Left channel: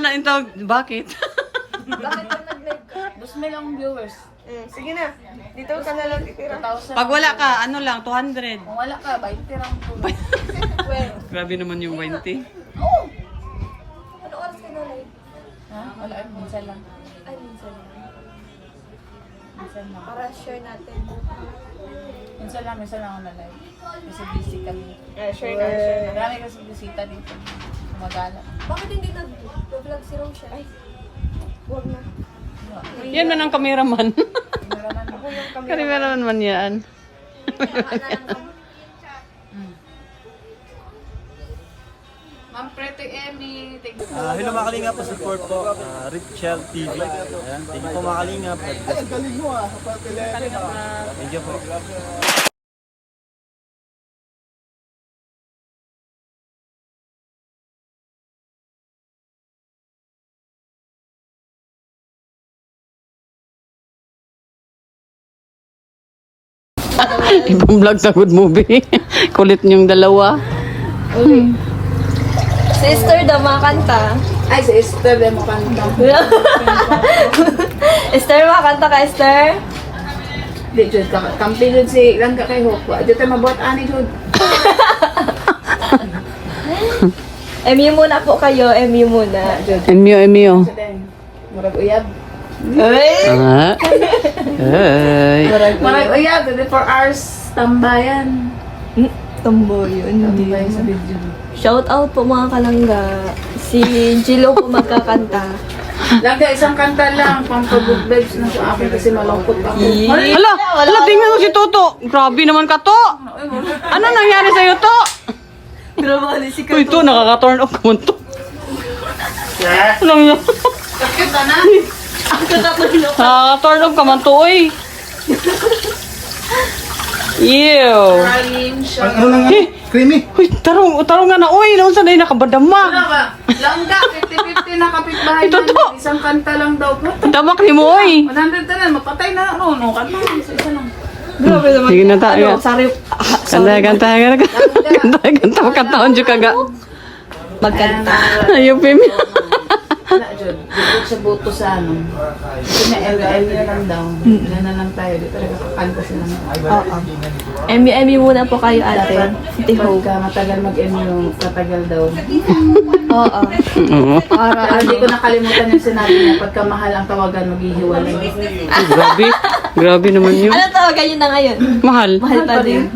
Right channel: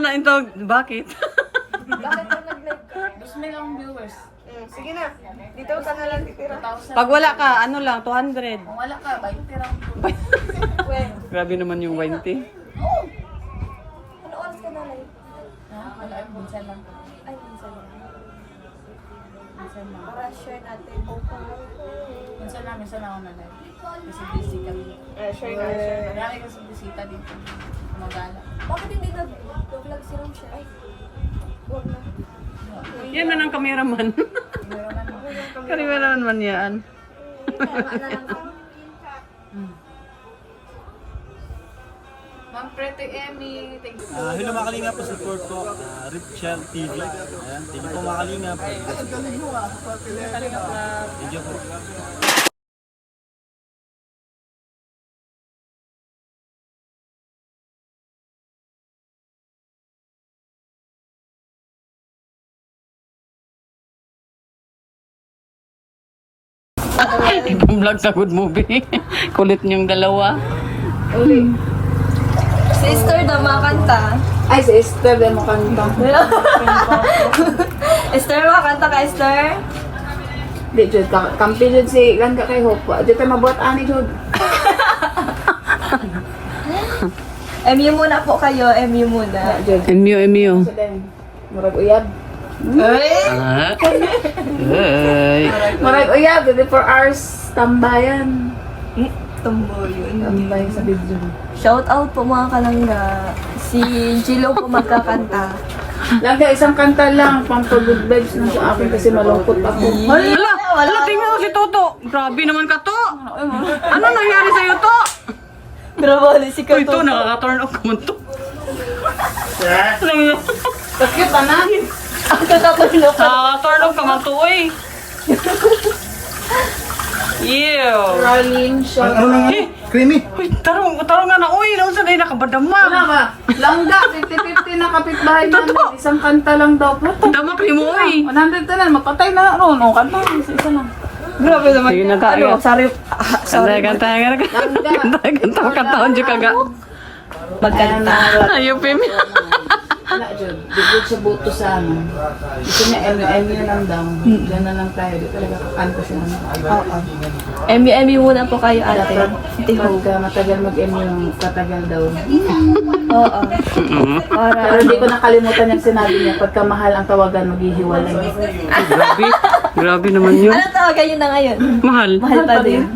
sana ito. Bakit? Bakit ka nag-live ka? 2,000 ang viewers. Sige na. Dito ka na lang titira. 2,000. Pag wala ka, ano lang, 200. Kung wala ka, 20 lang po. Grabe naman yung 20. Ano oras ka na live? Ha? Wala, minsan lang. Ay, minsan lang. Minsan lang. Para share natin. Minsan lang ako na live. Kasi busy kami. Share natin. Marami kasi bisita dito. Kumagala. Bakit hindi nag-vlog si Rochelle? Yan man ang cameraman. Meron na. Cameraman man yan. Tama na lang ako. Ma'am Pretty Emmy, thank you. Hello mga kalingap, pa-support po. Richel TV. Ayan, thank you po mga kalingap. Thank you po. Ibang vlog sa good movie. Kulit niyong dalawa. Sister, dama kanta. Ay, si Esther, din mo kanta. Esther, makanta ka, Esther? Di, Jod, kampi Jod si Langga kay Hokwa. Jod tayo mabuhat ani, Jod. MU muna po kayo, MU muna. Jod, Emyo. sa din. Murag uyab. Ay! Ah. Ay. Murag uyab, 24 hours tambayan. Tumbo yun. Tambay sa video. Shout out po mga kalangga. Si Jilo po magkakanta. Langga, isang kanta lang, pang pag-good vibes na sa akin kasi malungkot ako. Hala, tingnan mo si Toto. Grabe naman ka to. Ano nangyari sa'yo to? Grabe, si Uy, to, nakaka-turn off naman to. Anong Bakit ba na? nakaka-turn off ka man to, uy. Ew. Rain siya. Ano lang yan? Creamy. Uy, tarong nga na, uy. Noon sa na nakabadama. Wala ba? Langga, 50-50 na kapitbahay Ito to. namin. Isang kanta lang daw. Damak ni mo, uy. 100 na lang, mapatay na lang. No, kanta. Isa lang. Grabe naman. Sige na tayo. Ano, sorry. Sorry. Ganta. Kantaon dyan kaga. Magkanta. Ayaw, Pim. Wala, Jod. Dito siya boto sa ano. Ito niya, MU na lang daw. Ilan na lang tayo. Di talaga kakanta siya naman. Oo. MU muna po kayo, ate. Ate Ho. Pagka matagal mag-MU, katagal daw. Oo. Oo. Pero hindi ko nakalimutan yung sinabi niya. Pagka mahal ang tawagan, maghihiwalay. Grabe. Grabe naman yun. Ano tawagan yun na ngayon? Mahal. Mahal pa din.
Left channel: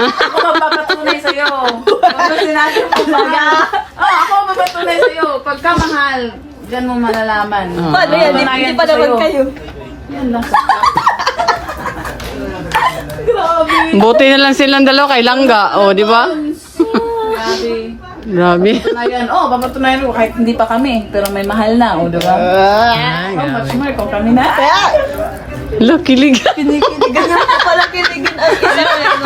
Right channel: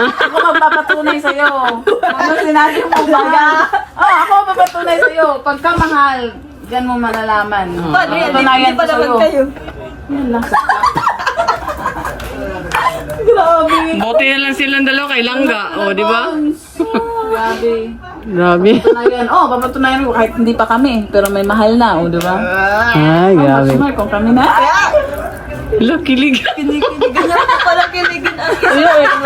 Ako magpapatunay sa'yo. Ano sinabi mo? Talaga. Ako magpapatunay sa'yo. Pagka mahal, gan mo malalaman. Paano yan? Patunayan Hindi pa ko naman sa'yo. kayo. Yan, nasa Buti na lang silang dalawa kay Langga. O, di ba? Grabe. Grabe. Patunayan. Papatunayan ko kahit hindi pa kami. Pero may mahal na, di ba? Ay, grabe. Patunayan kung kami na. Hala, kilig. Pala kiligin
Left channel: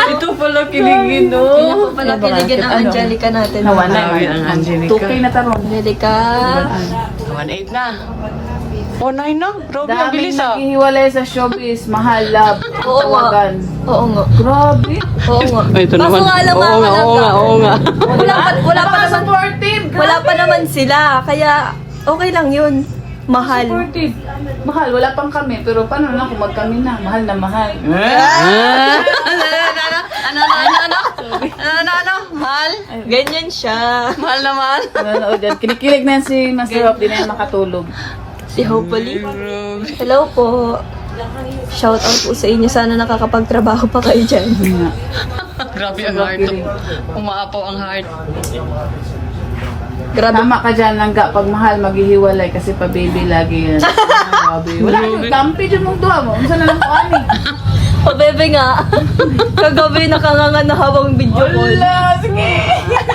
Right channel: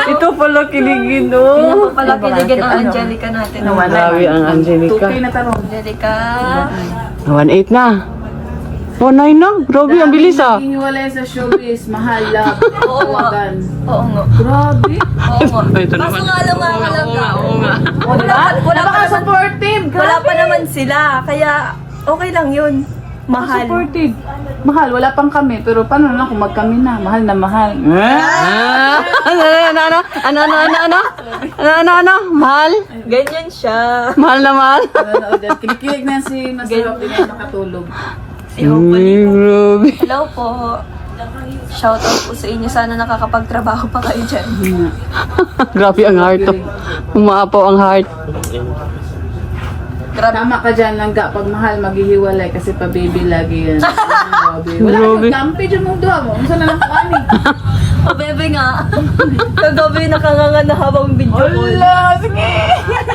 Ito pala kiligin, no? Pala kiligin ang Angelica natin. Grabe ang Angelica. 2K na tarong. Angelica. 1.8 na. 1.9 na. Grabe, ang bilis ah. Naghihiwalay sa showbiz. Mahal, love, tawagan. Oo nga. Grabe. Oo nga. Ay, ito naman. Kaso nga lang mga kalangga. Oo nga. Wala pa naman. Supportive. Wala pa naman sila. Kaya okay lang yun. Mahal. Supportive. Mahal, wala pang kami. Pero paano na kung magkami na? Mahal na mahal. Ah! Ano? Mahal? Ganyan siya. Mahal naman. Ano, dyan, kinikilig na si Masarap, di na yung makatulog. Si Hope po Ay, grabe. Hello po. Shout out po sa inyo. Sana nakakapagtrabaho pa kayo dyan. Grabe ang heart to. Umaapaw ang heart. Grabe. Tama ka dyan, Langga. Pag mahal, maghihiwalay kasi pa-baby lagi yan. Grabe. Wala Grabe. kang kampi dyan mong duha mo. Unsa na lang ko ani? O bebe nga. Kagabi nakanganga na habang video call. Sige.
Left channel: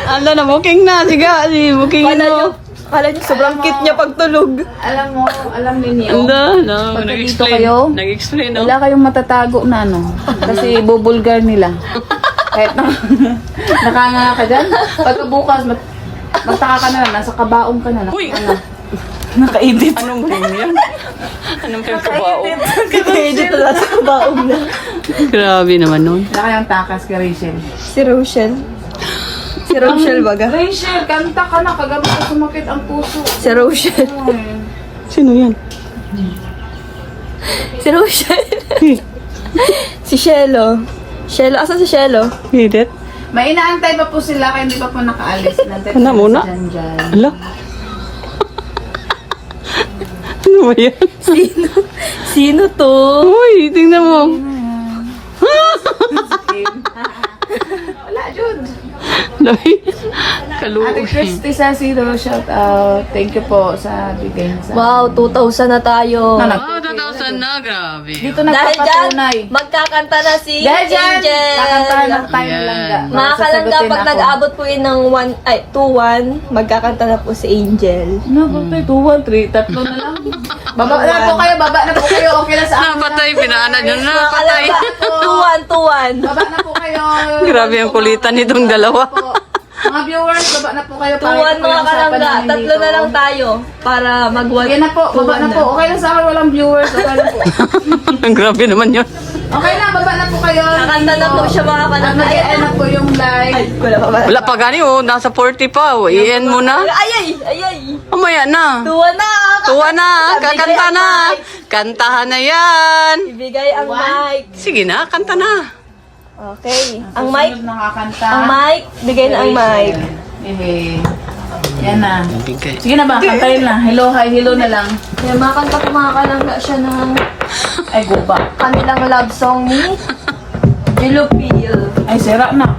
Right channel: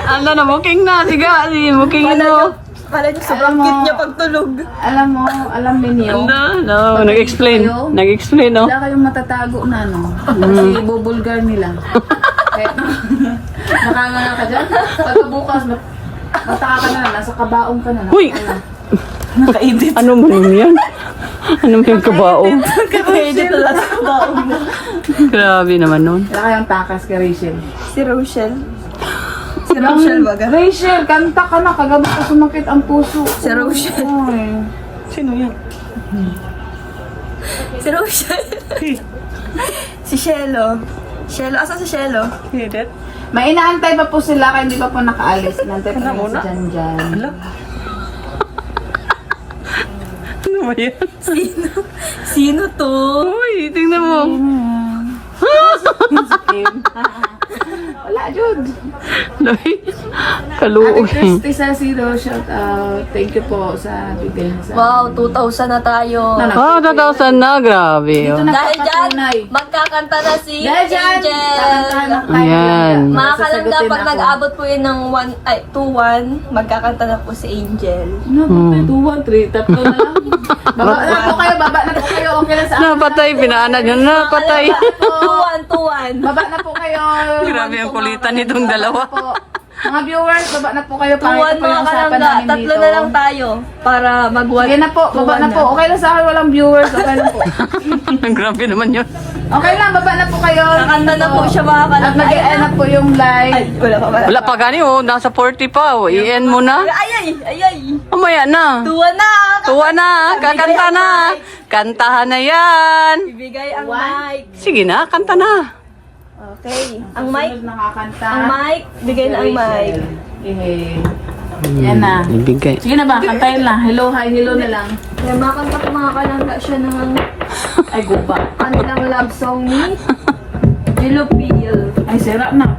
Ano na, muking na. Sige, muking mo. Kala niyo sobrang cute niya pagtulog. Alam mo, alam ninyo. No. Pag Nag-explain. kayo, Nag-explain, no? Wala kayong matatago na ano. Kasi bubulgar nila. Kahit na, nakanga ka dyan. Pagkabukas, mataka ka na lang. Nasa kabaong ka na lang. Uy! Ano? Nakaedit. Anong film yan? Anong film kabao? Naka-edit na lang sa kabaong na. Grabe naman nun. Wala kayong takas kay Rachel. Si Rochelle. Si Rochelle baga. Rachel, kanta ka na. Kagabi ko sumakit ang puso. Si Rochelle. Ay. Sino yan? Si Rochelle. Si Shelo. Shelo, asan si Shelo? Edit? May inaantay pa po sila kaya hindi pa po nakaalis. Inaantay Ano pa muna? dyan. Ala? Ano ba yan? Sino to? Uy, tingnan mo. Wala, Jude. Lay. Ate Kaluog. Christy Sasiro, shout out. Thank you po sa bigay niya sa Wow, 2,000 na tayo. Ano? Ah, 2,000 na. Grabe. Dito oh. nagpapatunay. Magkakanta na si Dahil dyan, Angel. kakanta na tayo Ayan. lang. Mga kalangga, pag nag-aabot po yun ng 2-1, magkakanta na po si Angel. No, patay, 2, 1, 3, tatlo na lang. Baba na po kayo, baba na po kayo. Okay lang sa akin. Napatay, pinaanad yun. Napatay. 2-1. Baba na po kayo. Grabe ang kulitan nitong dalawa. Mga viewers, baba na po kayo. 2-1 mga kalangga. Tatlo na lang tayo para mag-1. Okay na po, baba na po. Okay lang sa akin, walang viewers. Okay lang po. Grabe naman yun. Okay lang, baba na po kayo. Kakanta na po siya mga kalangga. Ayan Ayan na po yung live. Wala pa ba? Wala pa gani oh. Nasa 40 pa oh. I-end mo na. Ayay. Mamaya na. 2-1 na. Tuwa na. Kakanta na. Kantahan na yan. Ibigay ang mic. Sige na, kanta na. Okay. Ang mic. Susunod nakakanta. Ang mic. Bigay na ang mic. Yan na. Bigay. Sige na ba, kantayin na. Hello, hi, hello na lang. Yan, makanta po mga kalangga siya ng Ay, guba. kanilang love song ni Dilopil. Ay, sira na.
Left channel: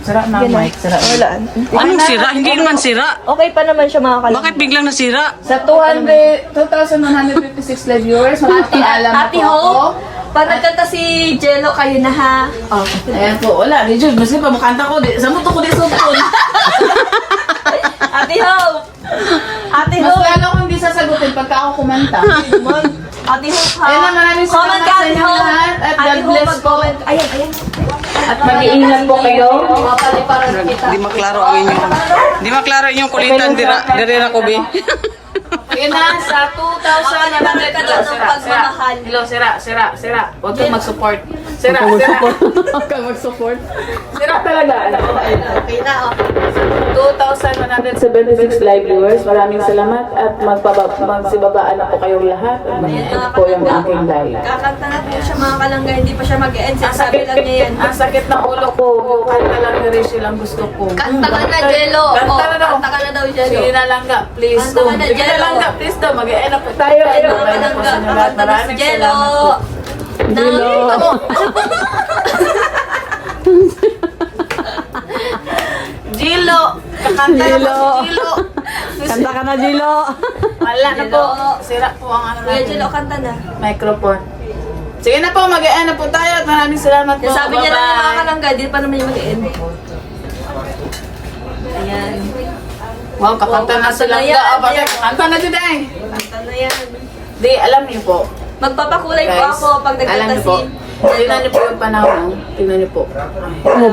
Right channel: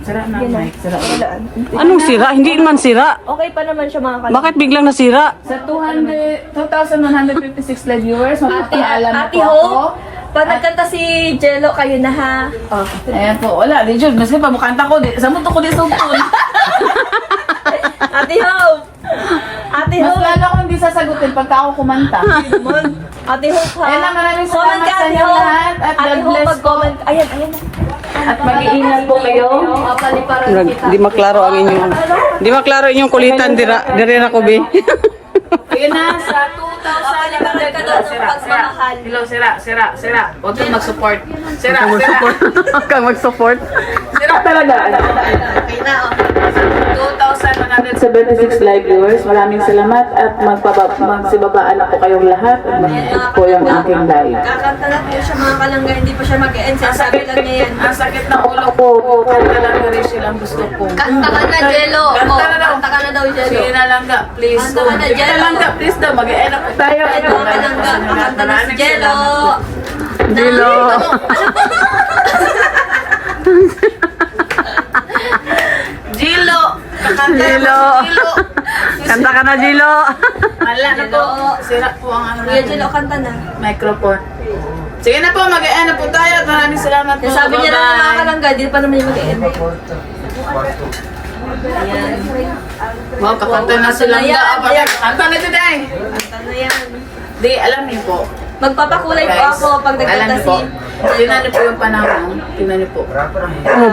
Sira na ang mic. Sira na. Wala. Anong sira? Hindi naman sira. Okay pa naman siya mga kalangga. Bakit biglang nasira? Sa 2,156 live viewers, magpapaalam na Ate po ako. Hope, pag nagkanta si Jello, kayo na ha. Ayan po, wala. Di Jud, kasi pa makanta ko. Sa muto ko di sugpon. Ate Hope! Ate Mas Hope! lalo kung di sasagutin pagka ako kumanta. Ate Hope ha! Ayan na, maraming Comment salamat ka, sa Ate inyo Hope! lahat. At Ate God Hope, bless mag-comment. Ayan. At mag-iingat po kayo. Di maklaro ang inyong... Di maklaro inyong kulitan. Dira na ko, be. Sige na, sa 2,000 na Pagmamahal. Hello, sira. Huwag kang mag-support. Sira. Huwag kang mag-support. Sira talaga. Okay na, oh. 2,176 live viewers. Maraming salamat at magsibabaan na po kayong lahat. Mga Po yung kalangga, aking live. kakanta na po siya mga kalangga. Hindi pa siya mag-end. Sabi lang niya yan. Ang sakit ng ulo ko. Kanta lang na rin silang gusto ko. Kanta ka na, Jello. Kanta na daw. Kanta ka na daw, Jello. Sige na lang ka, please. Kanta ka na, Sige na Jello. lang ka, please daw. Mag-e-end up tayo. Jello, kalangga. Kakanta na si Jello. Jello. Gilo. Kakanta Gilo. naman si Gilo. Kanta ka na, Jilo. Wala na po. Sira po ang ano Kuya natin. Jello, kanta na. Microphone. Sige na po, mag-e-end up po tayo. At maraming salamat po. Sabi niya na mga Bye-bye. kalangga, di pa naman yung mag-end. Ayan. Wow, kakanta na silang Kanta na yan. ga. Kanta na dyan eh. Kanta na yan. Di, alam niyo po. Magpapakulay po Guys, ako pag alam nagkanta niyo si po. Tingnan niyo po yung panahon. Tingnan niyo po.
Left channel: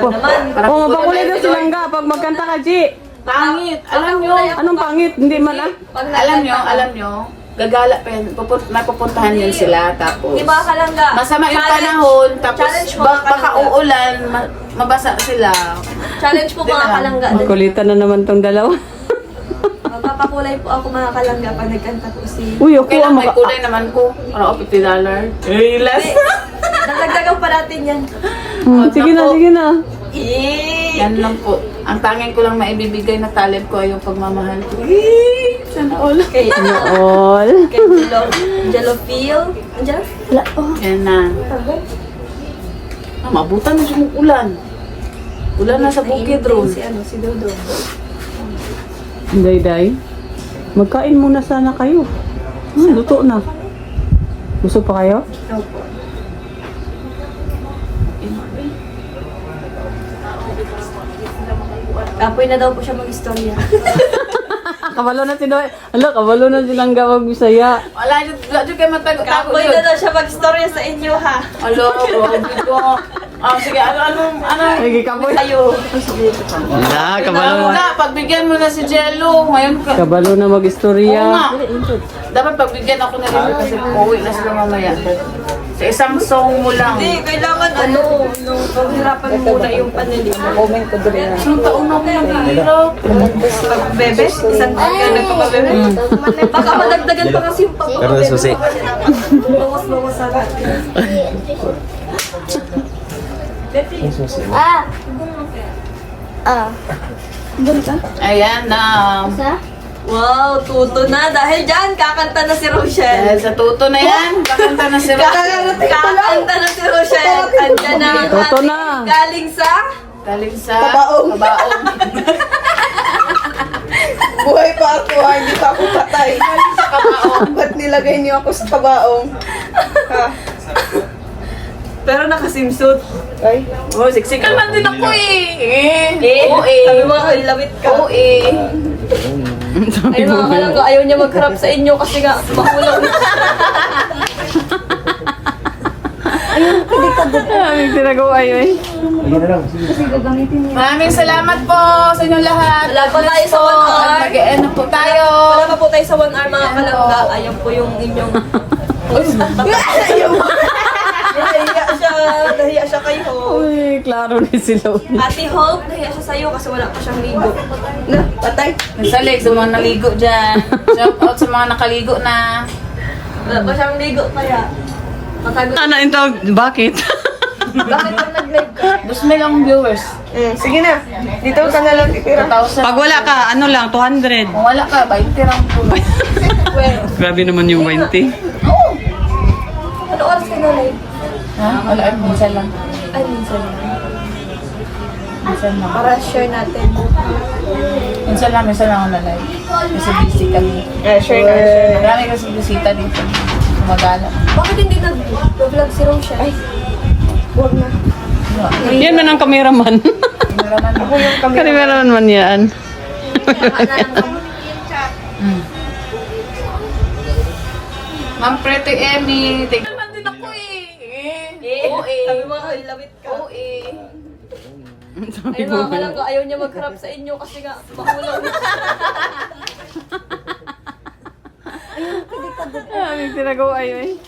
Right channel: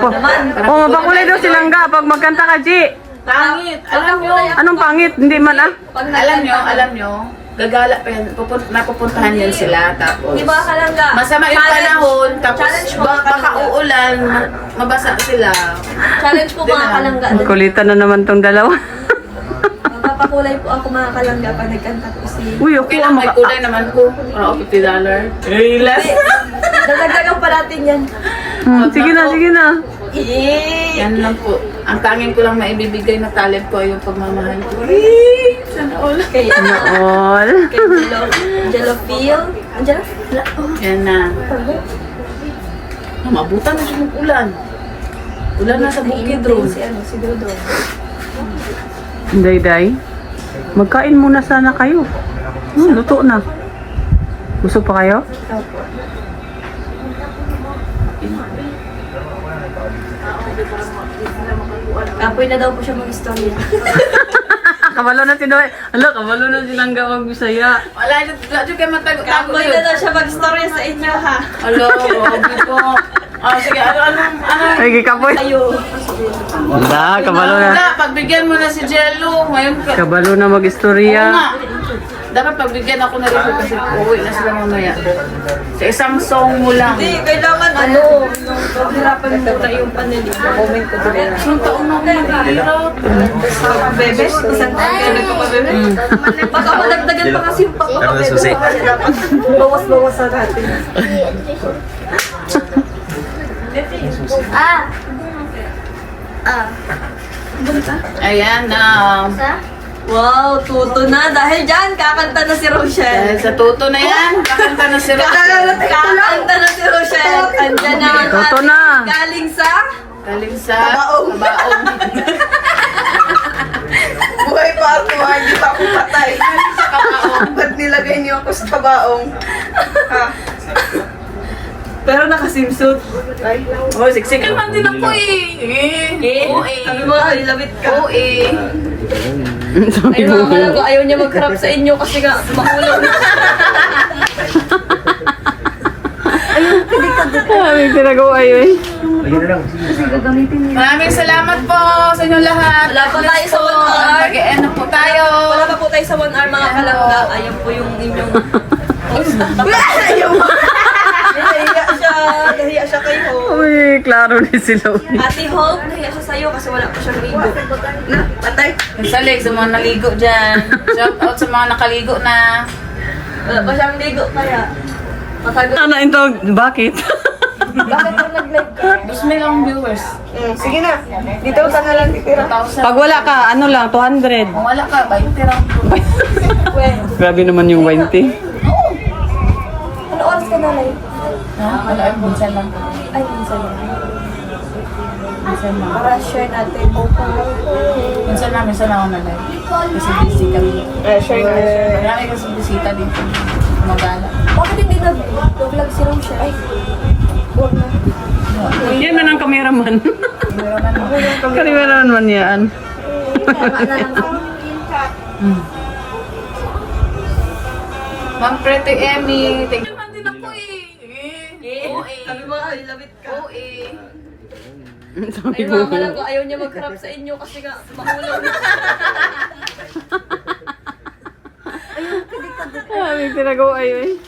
naman. Oh, mapakulay daw silang ga pag magkanta ka, Ji. Pangit. Alam niyo. Anong pangit? Hindi man ah. Pag Alam niyo. Gagala pa yan. Napupuntahan yan sila. Tapos. Di ba kalangga? Masama yung Challenge. panahon. Tapos Challenge mo mga baka kalangga. uulan. Mabasa sila. Challenge po mga kalangga. Kulitan na naman tong dalawa. Magpapakulay po ako mga kalangga pag nagkanta ko si... Uy, ako Okay ang lang, may kulay naman ko. Ano, $50. Eh, less. Dagdagan pa natin yan. Sige na. Yan lang po. Ang tanging ko lang maibibigay na talent ko ay yung pagmamahal ko. Eh, sana all. Kay All. Jello Feel. Andiyan? Wala po. Yan na. Mabutan na siya ulan. Ulan na sa bukid, Ron. Si Dodo. Day. Magkain muna sana kayo. Luto na. Gusto pa kayo? Opo. Kapoy na daw po siya mag-istorya. Kabalo na si Doy. Ala, kabalo na silang gawag Bisaya. Wala dyan kayo matago. Kapoy na daw siya mag-istorya sa inyo ha. Hello, grabe po. Oh, sige, ano? Ay, kapoy. Ayo. Na, kabalo na. Wala, pagbigyan mo na si Jello. Ngayon ka. Kabalo na Oo mag-istorya. nga. Dapat pagbigyan ako na rin kasi uuwi na sila mamaya. Sa isang song mo lang. Hindi, kailangan nung paghirapan mo muna yung panili mo. Comment ko doon. Isang taon na ako naghihirap. Pagbebe, isang taon kayo nagpapabebe. Baka madagdagan pa kasi yung papabebe. Bawas-bawasan natin. Ayan na. Wow, tuto na. Dahil dyan, kakanta na si Rochelle. Dahil sa tuto na yan, kakanta na si Rochelle. Kakanta na si Rochelle. Andyan na ang Tuto ating na. galing sa... Galing sa kabaong. Buhay pa ako, hindi pa ako patay. Sa kabaong. Ba't nilagay niyo ako sa kabaong? Pero nakasimsuit. Oh, siksikan man din ako eh. Oo Sabi mo, ay, labit ka. Oo eh. Ayun mga kalanggo, ayaw niya magharap sa inyo kasi nga makulang na. Ay, tinagawa yun. Maraming salamat po sa inyong lahat. Wala pa tayo sa 1 hour. Mag-e-end na po tayo. Wala pa po tayo sa 1 hour mga kalangga. Ayan po yung inyong... Nahiya siya kay Hope. Uy, klaro ni sila. Ate Hope, nahiya siya sa'yo kasi wala pa siyang ligo. Na, patay. Sa leg, sa mga naligo dyan. Shout out sa mga nakaligo na. Wala pa siyang ligo kaya. Matagot. Ano ito? Bakit? Bakit pag nag-live ka? 2,000 ang viewers. Sige na, dito ka na lang titira. 2,000. Pag wala ka, ano lang, 200. Kung wala ka, 20 lang po. Grabe naman yung 20. Ano oras ka na live? Ha? Wala, minsan lang. Ay, minsan lang. Minsan lang. Para share natin. Minsan lang ako na-live. Kasi busy kami. Marami kasi bisita dito. Kumagala. Bakit hindi nag-vlog si Rochelle? Yan man ang kameraman. Cameraman mo. Kameraman man yan. Ma'am Pretty Emmy. Thank you. Din ako eh. Oo eh. Sabi mo, ay, labit ka. Oo eh. Ayun mga kalanggo, ayaw niya magharap sa inyo kasi nga makulang na. Ay, tinagawa yun.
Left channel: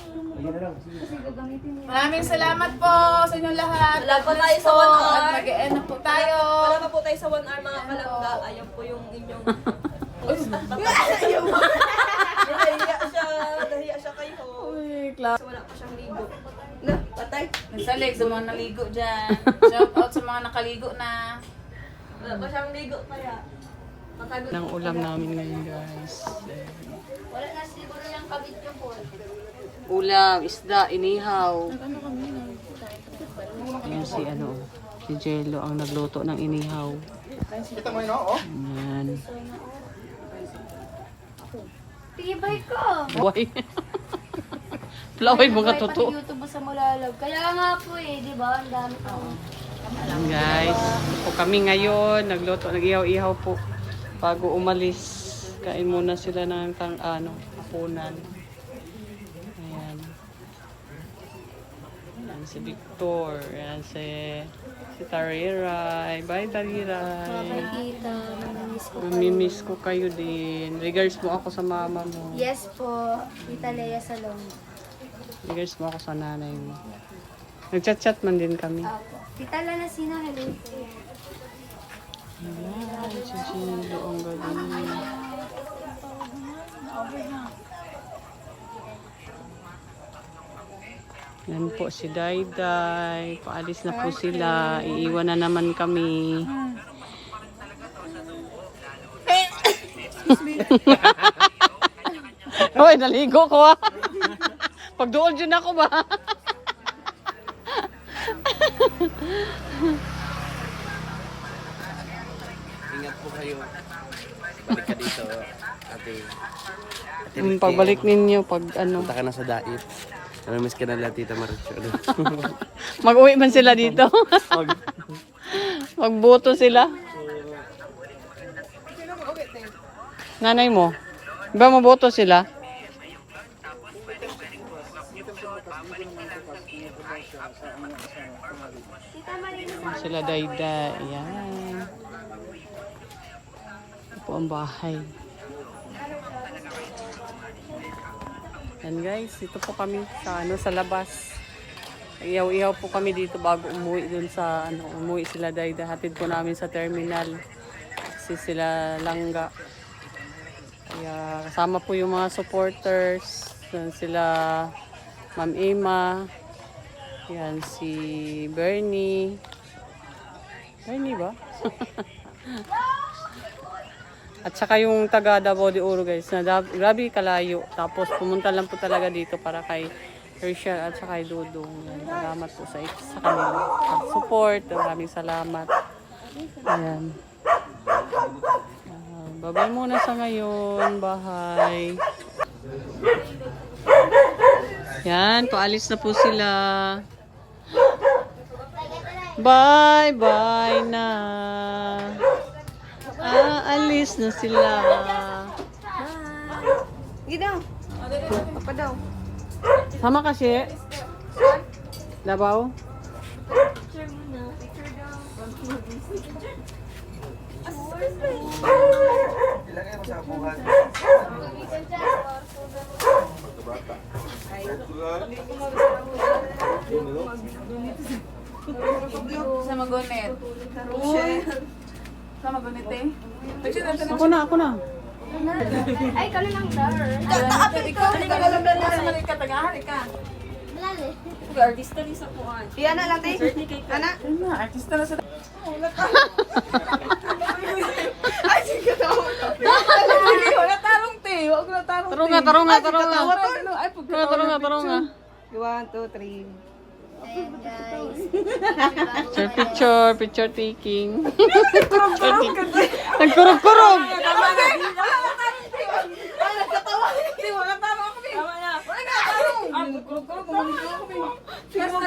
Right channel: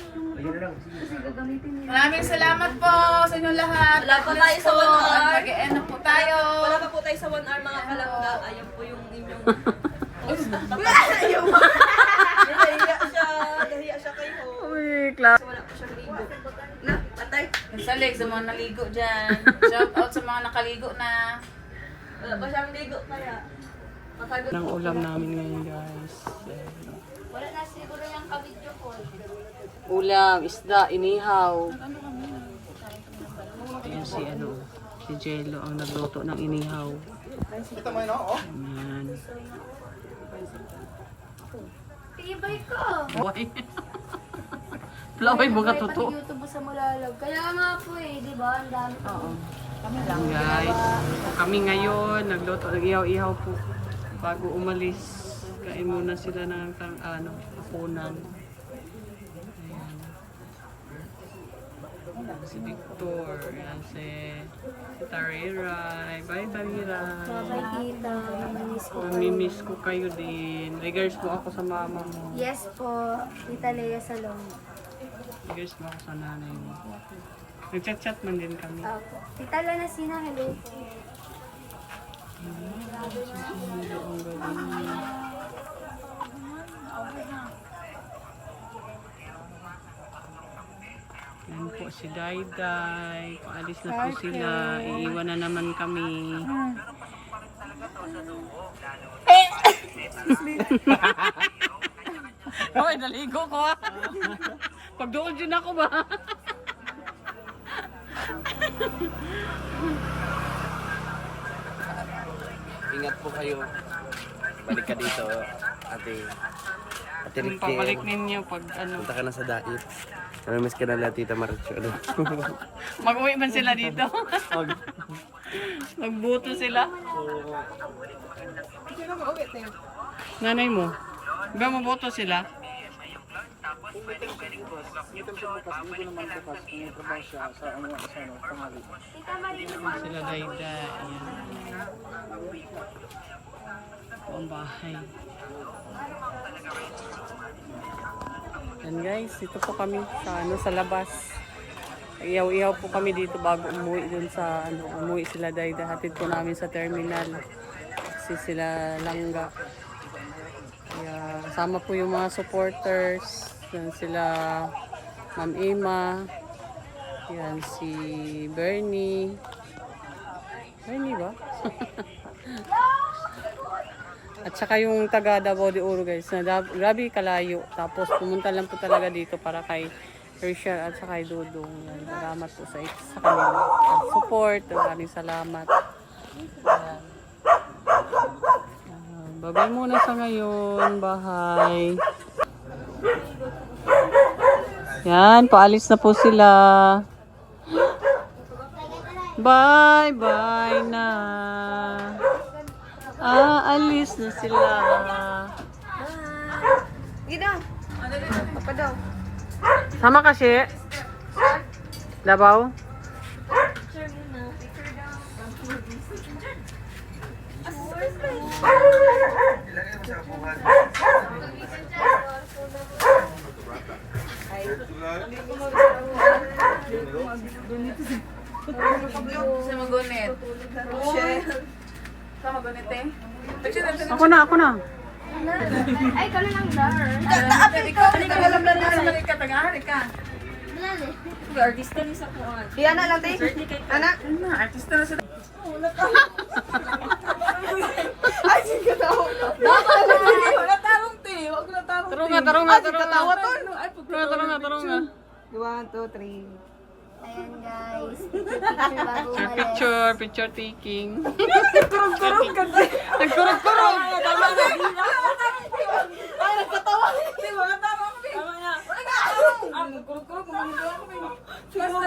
Maraming salamat po sa inyong lahat. Wala pa tayo sa 1 hour. Mag-e-end na po tayo. Wala pa po tayo sa 1 hour mga kalangga. Ayan po yung inyong... Nahiya siya kay Hope. Uy, klaro. Wala pa siyang ligo. Na, patay. Sa leg, sa mga naligo dyan. Shout out sa mga nakaligo na. Wala pa siyang ligo kaya. Matagot. Ang ulam namin ngayon, guys. Wala na siguro yung kabit yung po. Ulam, isda, inihaw. Ayan si si Jello ang nagluto ng inihaw. Ayan. Tibay ko. Why? Plaway mga totoo. YouTube mo sa Mulalag. Kaya nga po di ba? Ang dami ko. Ayan, guys. Po kami ngayon, nag-ihaw-ihaw po. Bago umalis, kain muna sila ng hapunan. Ayan. Ayan si Victor. Ayan si Tariray. Bye, Tariray. Kita. Mamamiss ko. Mamimiss ko kayo din. Regards mo ako sa mama mo. Yes po. Tita Lea Salong. Regards mo ako sa nanay mo. Nag-chat-chat man din kami. Apo. Tita Lana Sina, hello po. Ayan, si Jello ang galing. Yan po si Dayday. Paalis na po sila. Iiwan na naman kami. Hoy, naligo ko ah. Pagdoon dyan ako ba? Ingat po kayo. Balik ka dito, ate. Ate Yung Ricky, pagbalik ninyo pag punta ka na sa dait. Namimiss ka na lang, Tita Maricho. Ano? Mag-uwi man sila dito. Magboto sila. Nanay mo, ba maboto sila? Sila Dayda. Yan. Ito ang bahay. Yan guys, ito po kami sa sa labas. Ihaw-ihaw po kami dito bago umuwi dun sa umuwi sila Dayda. Hatid po namin sa terminal. Kasi sila langga. Kaya kasama po yung mga supporters. Yan sila Ma'am Emma. Yan si Bernie. Bernie ba? At saka yung taga Davao de Oro guys, na grabe kalayo. Tapos pumunta lang po talaga dito para kay Herschel at saka kay Dudong. Yan, salamat po sa kanila. Sa support, maraming salamat. Ayan. Babay muna sa ngayon, bahay. Yan, paalis na po sila. Bye-bye na. Aalis na sila. Sige daw. Papa daw. Sama kasi. Davao. Sa magunit. Sa magunit eh. Ako na. Ay, ikaw lang dar. Ikaw, alam na naman ka, tagahan ka. Malali. Artista ni sa kuan. Iyan na lang, te. Anak. Artista na sila. Ay, sige daw. Wala tarong te. Huwag na tarong te. Tarunga. Ay, Tarunga. 1, 2, 3. Ayan, guys. Picture taking. Kurong ka din. Nagkurog-kurog. Tama na. Ay, nagkatawa. Wala tama ako, Bin. Wala nga. Kurong. Kumunod ako, Bin. Sige na.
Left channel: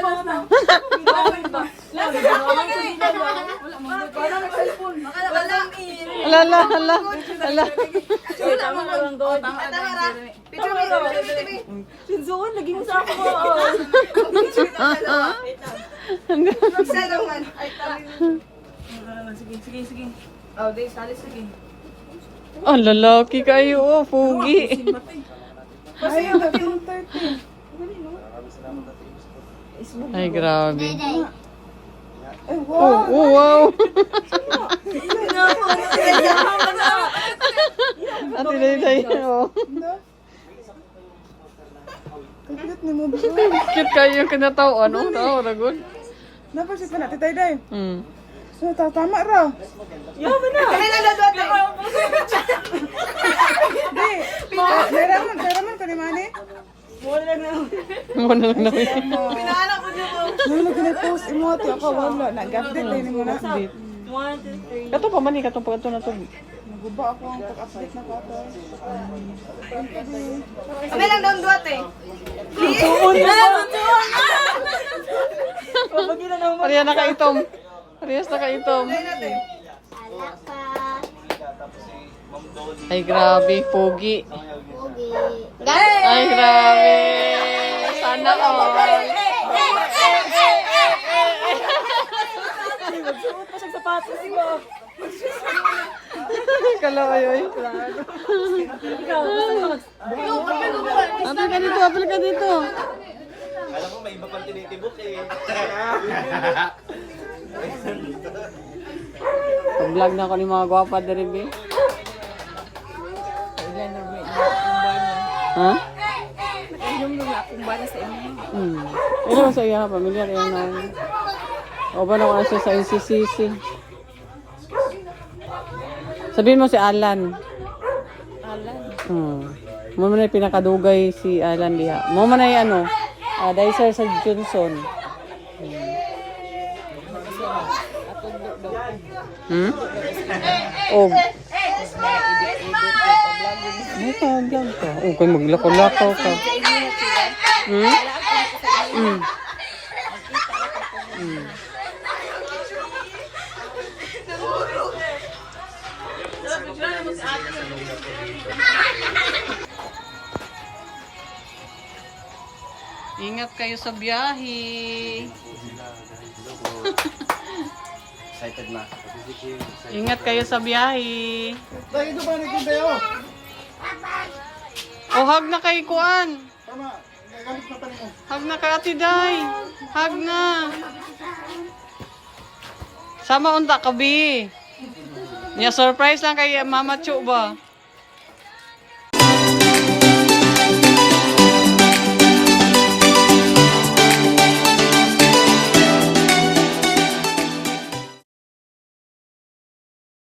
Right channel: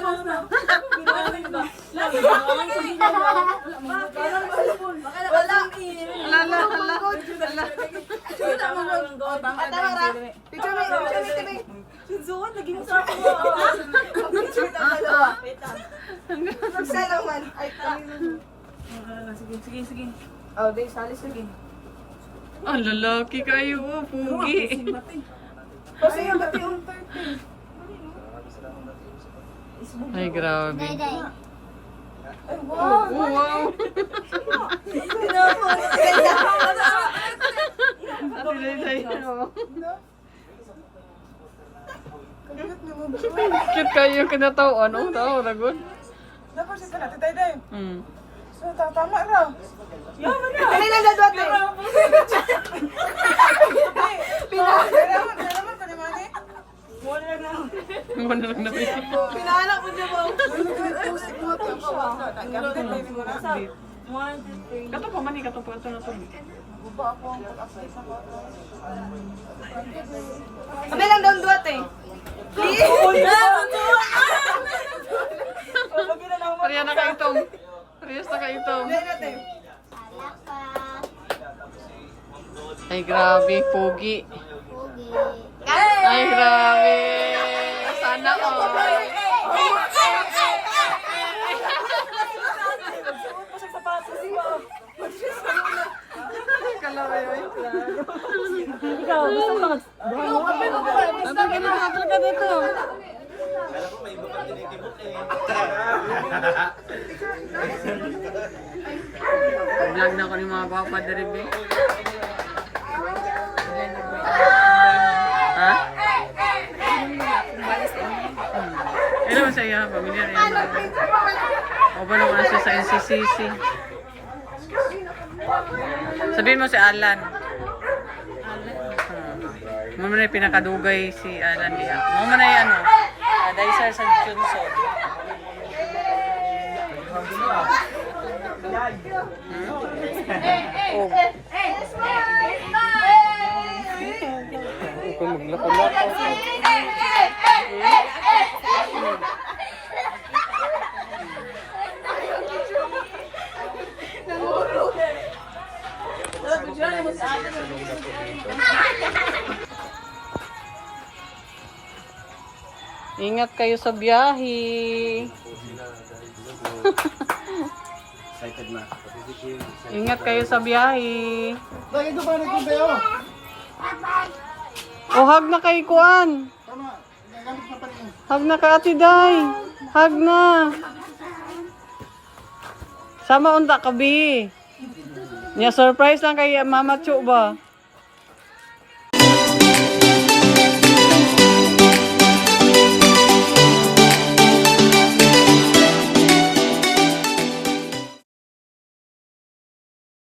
Hala. Picture me. Sinzuan lagi mo sa ako. Isa naman. Sige. Oh, di, sali sige. Ang lalaki kayo, pugi. Kasi yung gabi mong 30. Ay, grabe. Day. Wow. Ate Day. Cute kayo yung kinatawan. Tao, ragod. Dapat siya pala, titay day. So, tama raw. Kaya na dadot eh. Pinahaman ka ni Manny? Muna lang. Pinahanak ko niya po. Nag-post mo ito ako. Wala. Nag-update din mo na. Kato pa man kato na to. Kami lang daw duwat eh. Parehas nakaitom. Dahil natin. Alaka. Ay, grabe, pogi. Pogi. Ay, grabe. Sana all. Kalayo, ay, klaro. Apil ka dito. Kala ko may iba pang tinitibok eh. Vlog na ako ni mga gwapa dari be. Ha? Ano naman sa iya, pamilyar yan na. O ba naman siya sa NCCC? Sabihin mo si Alan. Mo man ay pinakadugay si Alan diha. Mo man ay ano, Dicer sa Johnson. Oh. Kung maglako-lako ka. Ingat kayo sa biyahe. Excited na. Ingat kayo sa biyahe. Dahil ito pa rin kayo. O, hug na kay Kuan. Tama. Gagamit na pa rin mo. Hug na ka, Ate Day. Hug na. Sama unta ka, Bi. Niya surprise lang kay Mama Chu ba?